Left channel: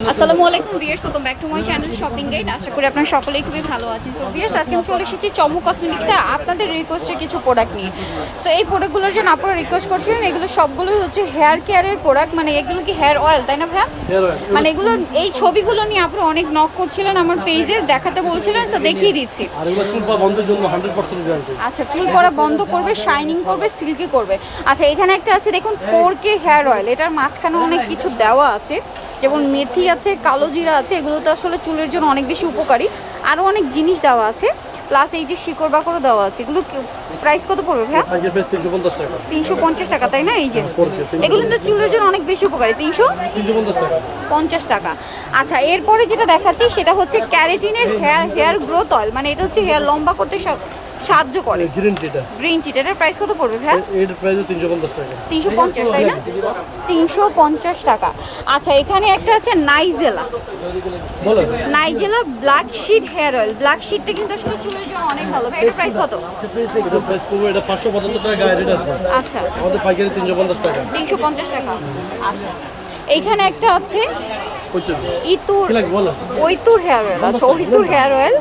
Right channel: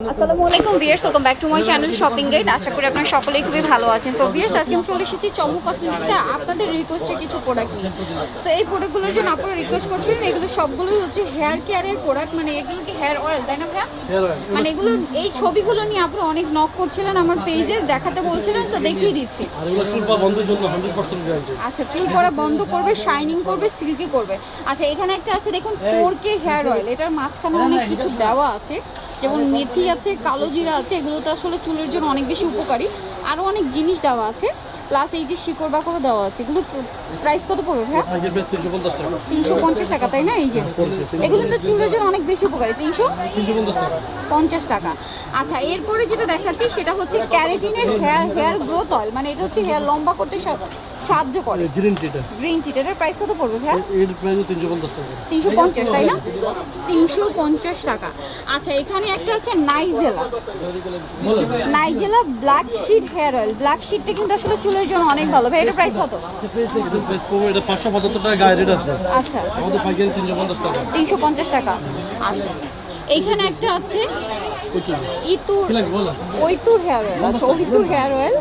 আসসালামু আলাইকুম viewers, welcome back to my channel shopping guide. আশা করি আপনারা সকলেই খুবই ভালো আছেন। সো ভিউয়ার্স, আজকে আমি চলে এসেছি চমক কসমেটিক্সে আপনাদের রিকোয়েস্টের কিছু প্রোডাক্ট নিয়ে। সো এই প্রোডাক্টগুলোর জন্য আপনারা রিকোয়েস্ট করছিলেন, এগুলো সবগুলোই হচ্ছে হেয়ার কেয়ারের প্রোডাক্ট। মানে এগুলো কি হেয়ার অয়েল, তাই না ভাইয়া? মানে এগুলো এই ছবিগুলো নিয়ে আপনারা অনেক নক করছিলেন আমার পেজে, দেখাতে বলছিলেন। সো দেখিয়ে দিচ্ছি। আচ্ছা, চুল পড়া বন্ধ করবে, শাইনিং করবে, সিল্কি করবে। আচ্ছা, এখানে একটা আছে দেখুন 4K হেয়ার অয়েল। এটার মাঝখানে অনেক কিছু দেওয়া আছে, যেমন মেথি আছে, কালো জিরা আছে। এগুলো তো আসলে চুলের জন্য অনেক বেশি উপকারী। আরও অনেক জিনিস দেওয়া আছে, প্লাস এই যে শিকড় বাকড়ও দেওয়া আছে। এগুলো প্রাইস কত পড়বে ভাইয়া? 350 টাকা, তাই না? এই যে এগুলো কিন্তু চুলের জন্য অনেক বেশি উপকারী। 350 টাকা। আচ্ছা, এরপরে যেটা দেখাচ্ছি সেটা হচ্ছে ক্যারাটিনের হেয়ার গ্রোথ অয়েল। মানে এটা হচ্ছে হেয়ার লম্বা করতে সাহায্য করে। গ্রিন টি এটার প্রাইস কত পড়বে ভাইয়া? এর প্রাইস 350 টাকা। 350, তাই না? 350 টাকা। আচ্ছা, এখানে একটা আছে nigella black seed hair oil. Black শিটটা কিন্তু আসলে চুলের জন্য অনেক ভালো। ভাই এটার প্রাইস কত? এটার প্রাইস পড়বে, এটা 575 টাকা গায়ে রেট আছে। আচ্ছা, আমাদের পাইকারি 350 টাকা। 350 টাকা। আচ্ছা, এইখানে একটা আছে ওইতুর হেয়ার অয়েল। আচ্ছা, ওইতুর হেয়ার অয়েল।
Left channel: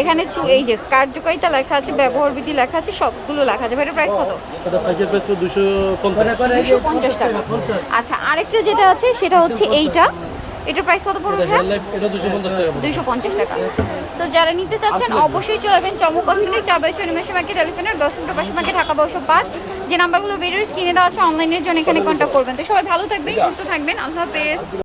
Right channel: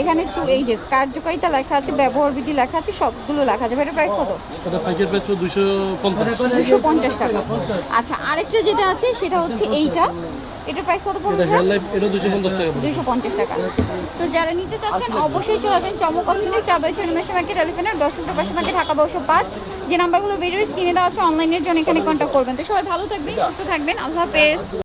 এখানে এই যে কার্যকারিতা লেখা আছে, ব্যবহার বিধি লেখা আছে, সবগুলো লেখা আছে। এটার প্রাইস কত? এটা পাইকারি প্রাইস 250 টাকা। আচ্ছা, আরেকটা যেটা আছে সেটা হচ্ছে এইটা। এটার প্রাইস কত পড়বে? এটা 250 টাকা পড়বে। 250 টাকা। সো যারা নিতে চাচ্ছেন অবশ্যই চলে আসবেন চমক কসমেটিক, 4/6 নিমেষে মার্কেট, এলিফ্যান্ট 10 মিটার পাশে মার্কেট, ঢাকা 1205। যে নাম্বারগুলো ভিডিওর স্ক্রিনে দেওয়া আছে অনলাইনের জন্য এখানে কন্ট্যাক্ট করবেন। তো সবাই ভালো থাকবেন, সুস্থ থাকবেন। আল্লাহ হাফেজ।